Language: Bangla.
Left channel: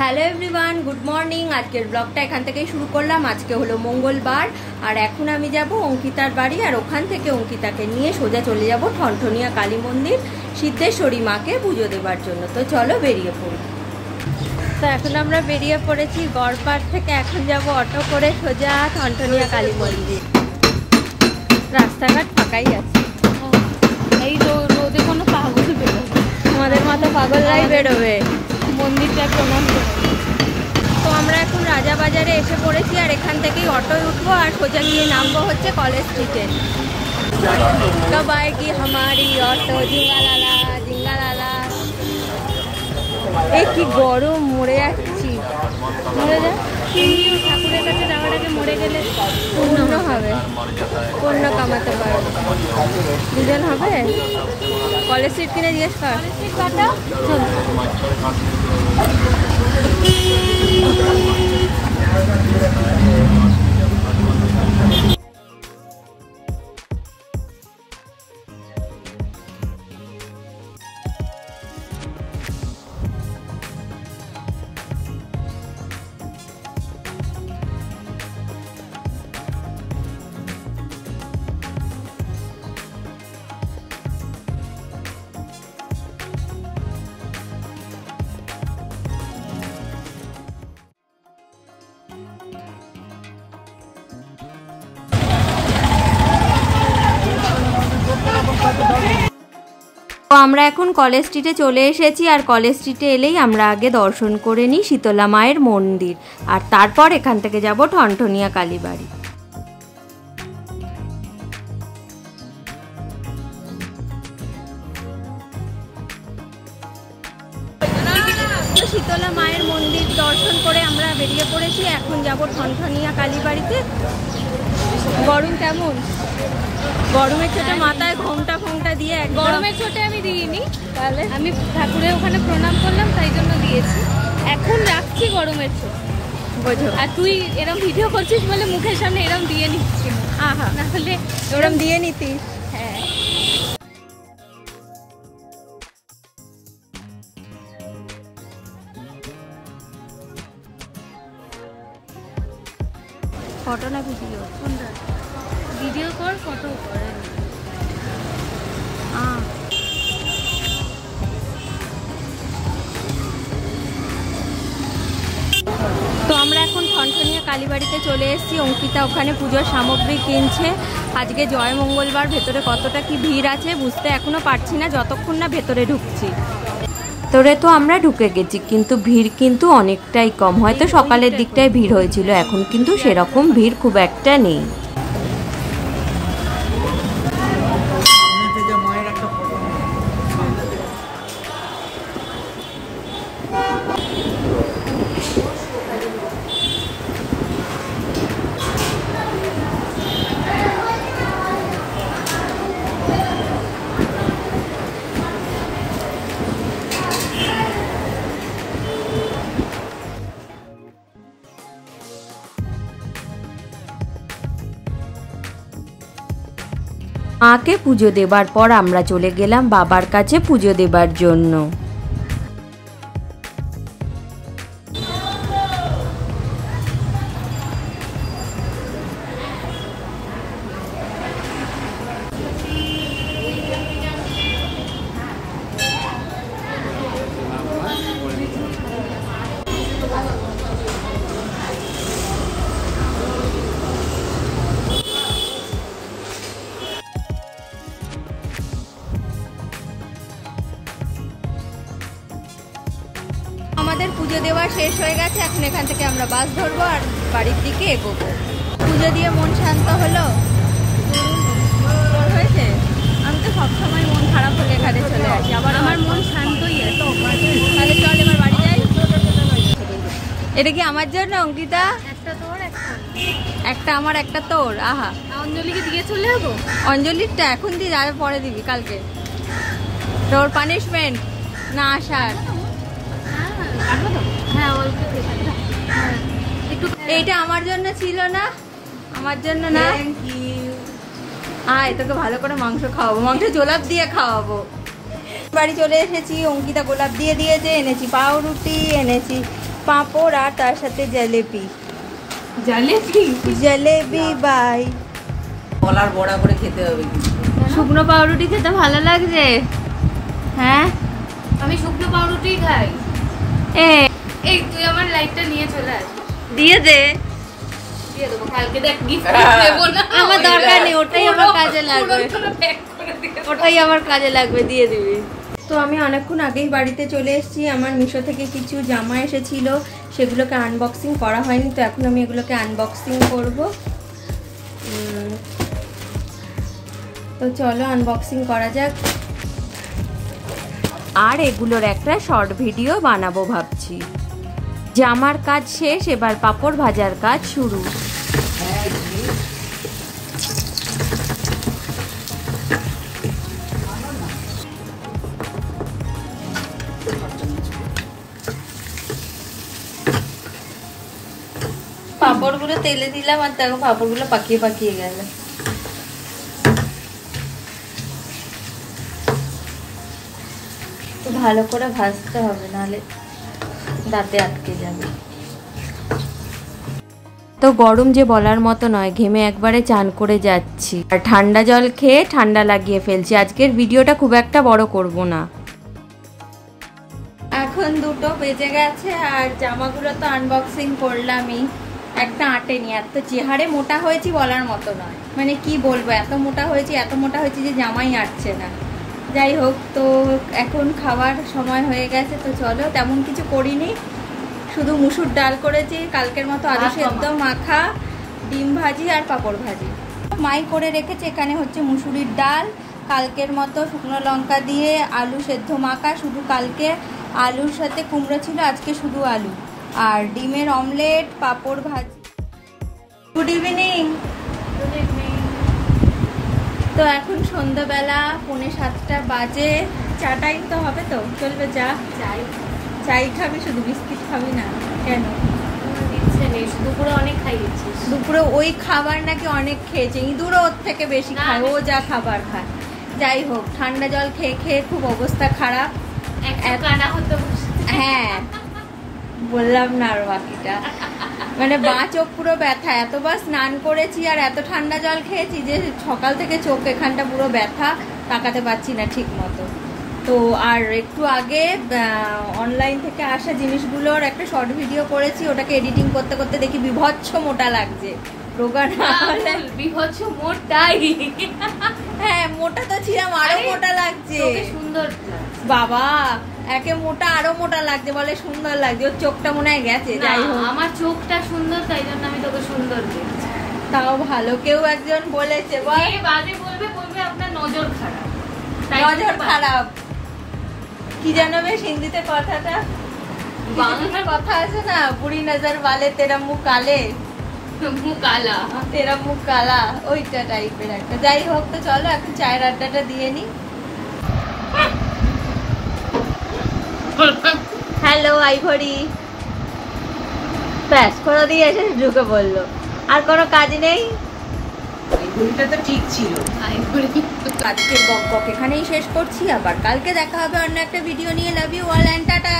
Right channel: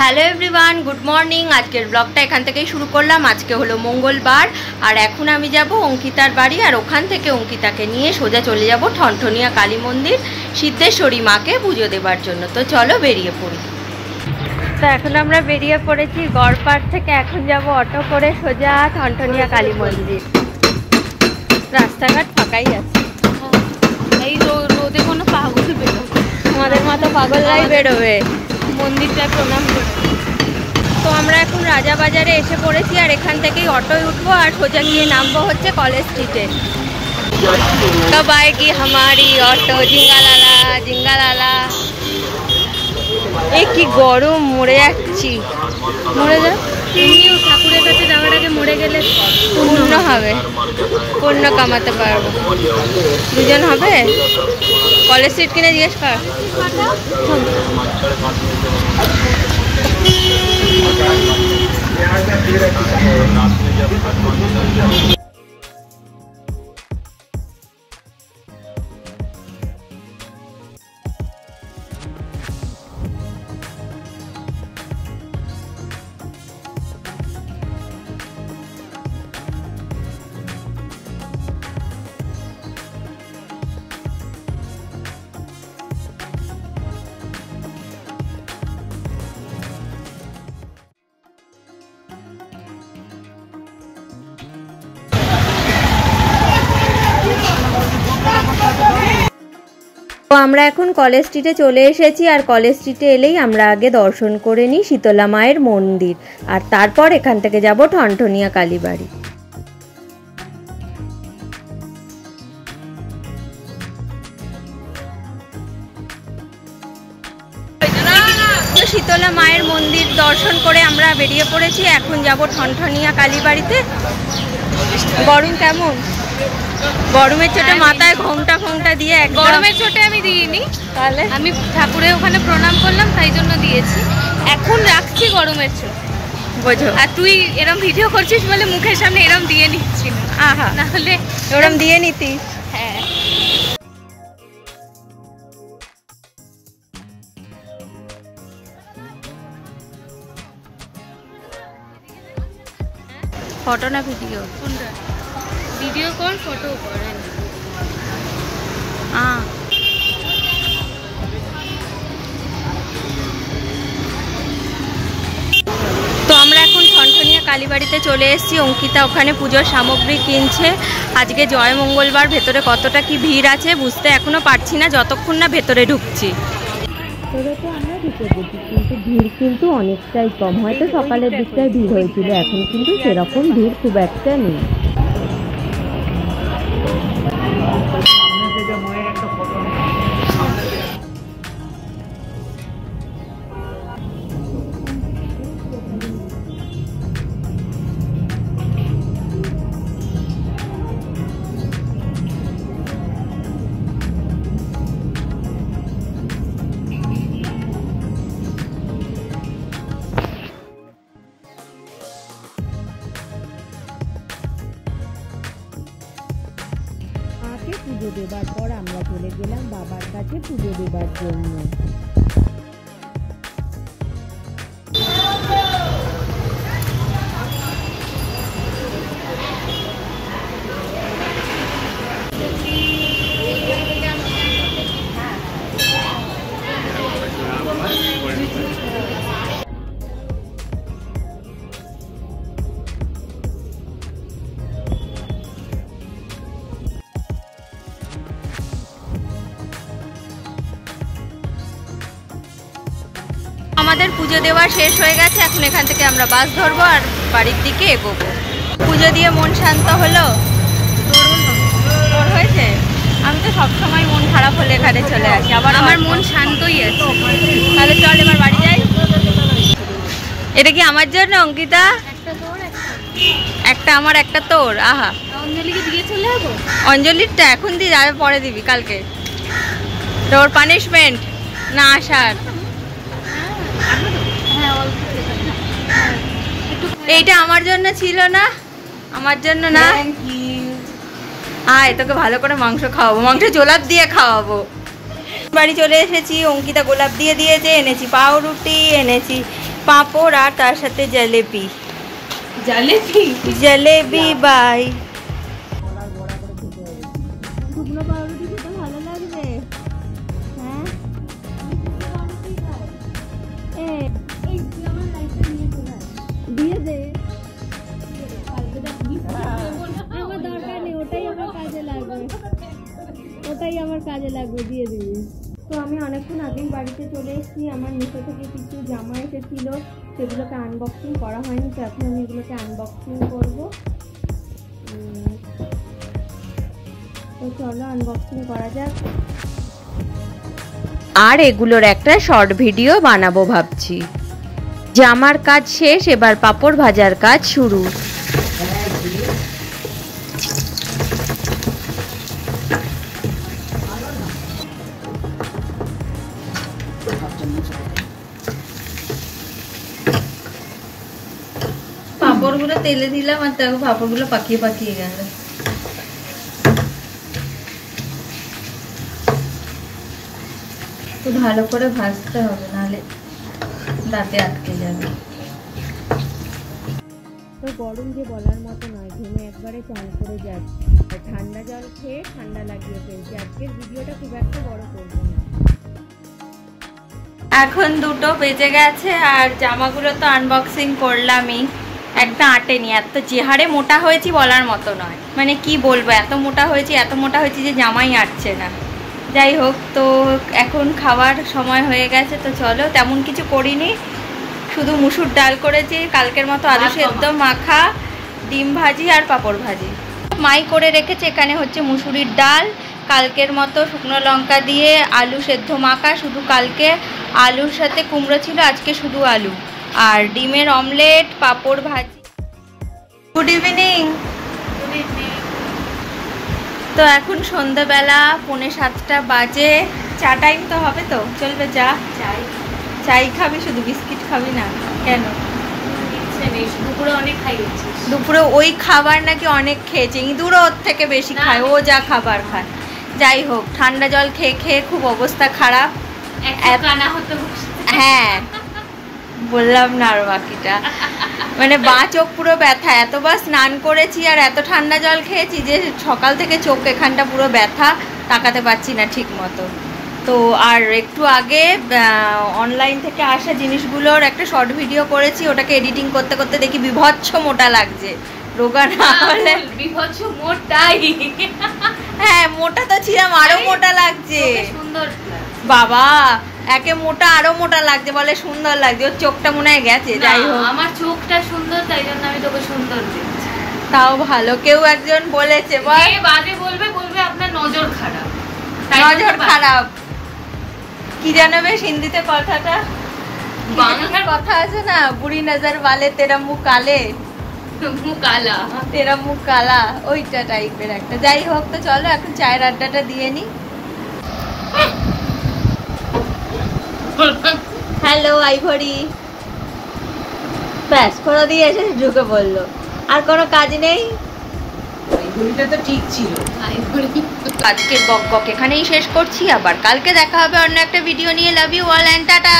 Hello everyone, good morning. আজকের ব্লগটা এখান থেকেই শুরু করলাম। আজকে হলো মঙ্গলবার আর এখন আমি যাব অঙ্কিতার বাড়ি, আর ওখান থেকে অঙ্কিতাকে নিয়ে সোজা চলে যাব ঠনঠনিয়া কালী মন্দির সিদ্ধেশ্বরী মাকে পুজো দেবার জন্য। তো চলো বেরিয়ে পড়ি। তো এখন আমরা বেরিয়ে পড়েছি গড়পাড় থেকে। এখন যাব অটো করে সোজা ঠনঠনিয়া কালী মন্দির। রাস্তাঘাট ফাঁকাই আছে, এই রোদে কোনো পাগল বেরোবে, আমাদের মতো পাগলরাই বেরোবে মন্দিরটায় প্রণাম করবে। তো আমরা এখন রাজাবাজারে এসে পড়েছি, আর এখান থেকেই অটোয় উঠবো আর সোজা গিয়ে নামবো হচ্ছে কলেজ স্ট্রিটে। কব আয়েগি হামারি অটো, জিঙ্গালালা জিঙ্গালালা। এ কি গরম, মরে যাচ্ছি। মরে যা, এমনিও ঠাকুরের কাছে যাওয়ার আগে মরে গেলে পূর্ণ হবে, পূর্ণ কামাতে পারবো। দুজন হবে। কলেজ স্ট্রিট কিনে জিজ্ঞেস কর। তো আমরা এখন কলেজ স্ট্রিটে চলে এসেছি, আর কলেজ স্ট্রিটে এলেই আমরা আগে দর্শন করে নিই শীতলা মায়ের মন্দির, আর তারপর এখান থেকে যাব ঠনঠনিয়া কালীবাড়ি। শীতলা মায়ের মন্দির দর্শন করে আমরা বেরিয়ে পড়েছি। এখন যাব ঠনঠনিয়া কালীবাড়িতে। গরম কেমন? গরমের চোটে মাথায় ঘোমটা দিয়ে। গরমের চোটে আমি দিইনি, তাহলে আমি ঠাকুরের ওখানে প্রণাম করলাম তাই জন্য দিয়েছি। এখন রাখছি গরমের চোট, বোঝো। আর তুই এরম ভিডিও করছিস বলে মুখের সামনে এরম দিয়ে নিচ্ছি, আহা, না হলে ওরম দিয়ে নিতিস। হ্যাঁ। ফটো না ভিডিও? কোনটা? ভিডিও কর, ফটো কর। তো আমরা এখন ঠনঠনিয়া কালীবাড়িতে চলে এসেছি। অঙ্কিতা ওখানে পুজোর সামগ্রী কিনছে। আজকে জয় মঙ্গলবার, ভেতরে কতটা কি ভিড় আছে বুঝতে এখনো পারছি না যতক্ষণ না ভেতরে ঢুকছি। ভেতরে তো আমরা ঢুকে গেছি, কিন্তু ভিড় কিন্তু অনেকটাই কম। হয়তো সকালের দিকটায় ভিড় হয়েছিল, এখন কিন্তু সেরকম ভিড় খুব একটা নেই। মাকে পুজো দেবার পর আমরা চলে গেলাম বাবার কাছে পুজো দেবার জন্য। আমাদের পুজো দেওয়া শেষ হয়ে গেছে। এখন এখান থেকে আমরা বাস ধরবো আর বাড়ির দিকে এগোবো। পুজো দিয়ে মন শান্ত হলো? তোর হয়েছে? আমি তো সবসময় মন খারাপ হলে এখানে চলে আসি, আবার আমার মন শান্তই আছে। তাহলে চল এবার বাড়ি যাই। এটা কি আমার জন্য অঙ্কিতা? একটা তোর, একটা আমার, একটা তোর। আহা, অঞ্জলিকে দিয়ে চলে যাবো। অঞ্জলিরটা এখন দিয়ে যাবে, পরে দিবি কালকে। তোর পানিশমেন্ট না আসার। হ্যাঁ, অল্প এইটা আমার জন্য ছিল না, আমার জন্য না। আয়, তোকে ভালো করে মাংস খাওয়াবো, মাংস গোলাপ দিয়ে খাওয়াবো। বাড়ি চলে এসেছি, অঙ্কিতা গোলাপ দিয়ে দিয়েছে, এনেছি পাউরুটি, এনেছি পাঁপড় আর তার সাথে জিলেপি। জিলেপি বাই। কলার বড়া করে খেতে হবে। শুকনো পাউরুটি খেতে ভালো লাগছে? হ্যাঁ, আমি শুকনো পাউরুটি খাই। এই তুই আমার লাইটটা নিয়ে চলে আস। দিয়ে দে। দিয়ে দেবো, কালকে দেখ গিফট দেবো না। আমার দরকার নেই, ওটাই আমার কাজে লাগবে। ওটাই আমার কাজে লাগবে, দিয়ে দিবি। তো আমি অনেকক্ষণ আগেই বাড়িতে চলে এসেছি। আমার মিশো থেকে কিছু জামা এসেছিল, সেগুলোকে আনবক্সিং করা হয়নি, তো এখন আমি এগুলোকে আনবক্সিং করব। তো চলো আনবক্সিং করা যাক। আর এগুলোর একটা শর্ট ভিডিও বানাবো ভাবছি। জামার কাজ শেষ, এবার পাঁপড় ভাজার কাজ শুরু। পাঁপড়গুলো তেলে দিলাম আর দেখো পাঁপড়গুলো পাকিয়ে পাকিয়ে গেল। ভালো করে ভাজতে হবে, নাহলে দাঁতে আটকে যাবে। তো গরম যে বলার মতো নয়, ঘেমে একবারে চান করে যাচ্ছি আর ঠান্ডা জল খেয়ে ঠান্ডা লাগিয়ে ফেলছি। আজকের ভিডিওটা খুব একটা বড় করব না। এখন 2টো বেজে গেছে আর জামাগুলো তো আনবক্সিং করলামই। একটা আটেনি, এত চেহারে মোটা হয়েছি বলার মতো নয়, মানে কি বলবো, এত মোটা হয়েছি যে জামাই আটছে না। যাই হোক, তো এখন খাওয়ার সময় হয়ে গেছে, তো চলো। তেমন কিছু করিনি, শুধু মুসুর ডাল করেছি, কালকের মতো আলু সেদ্ধ মাখা, ডিম ভাজি আর পাঁপড় ভাজি। মাই করে রেখেছে। এখানে হচ্ছে মুসুরির ডাল, কালকের মতো শুকনো লঙ্কা দিয়ে আলু সেদ্ধ মাখা, শুধু কালকে আলুর সাথে কুমড়ো ছিল, আজকে শুধু আলু, আর ডিমের অমলেট, পাঁপড় ভাজি। Good evening. তো এখন সন্ধ্যাবেলা 6:45 বাজে। চা টাইম তো হবে, তো চলবে চা? চাই খাবি শুধু, বিস্কিট খাবি না কেন? দুপুরে অনেক খাইয়েছিস। দুপুরে ওই খাবার নাকি অনেক খেয়েছে, ইঁদুরও ওর থেকে বেশি খায়, ও যা খাবার খায়। যাই হোক, ঠান্ডা জল খেয়ে খেয়ে খুব অবস্থা খারাপ। হ্যাঁ, বললাম না আর বাকিটা, মানে বাঁ চোখ পুরো ব্যথা। এতবার স্নান করেছি আর এত ঠান্ডা জল খেয়েছি যে সকাল থেকে চোখ এখানটা পুরো ব্যথা, তাকাতে পারছি না ঠিক মতো। তো আর একটু আগে অনলাইন থেকে আসা জিনিসগুলোর একটা শর্ট ভিডিও করেছি, ওটাকে এডিটিং করতে করতে দেখি বিভৎস মোটা লাগছে। রোগা না হলে বিভৎস মোটাই। হ্যাঁ, মোটা তো ছিলাম, আরো মোটা লাগছে। সুন্দর বাবা, একে মোটা আরো মোটা লাগছে, বলে সুন্দর লাগছে। ওর চোখটা মনে হয় গেছে। যাই হোক, আমার চোখটা সুন্দর, তাই জন্য আমি তোকে সুন্দর দেখছি। তাও ভালো, কেউ একজন বলেছে। বাদে বলবে আপনার নজর খারাপ। নজর খারাপ কি জানো বেশ, হিন্দিতে কথাটা, বাংলার কথা আছে না, বুড়ি নজর वाले तेरा मुंह काले, মুখ কালা, তেরা মুখ কালা, ওইটা টাইপের একটা। যাই হোক, তো চলো এখন চায়ের আড্ডাটা দিয়ে নি। হ্যালো আইভরি, ব্যাস করে দিয়ে এসে ঢুকে বললো, আর কোনো কাজ নেই। ঘড়িটা তো ঠিক ছিল। আজকের বক বক এখানেই শেষ করছি, আবার কালকে দেখা হবে অন্য একটা ভিডিও নিয়ে। Love you all and tata.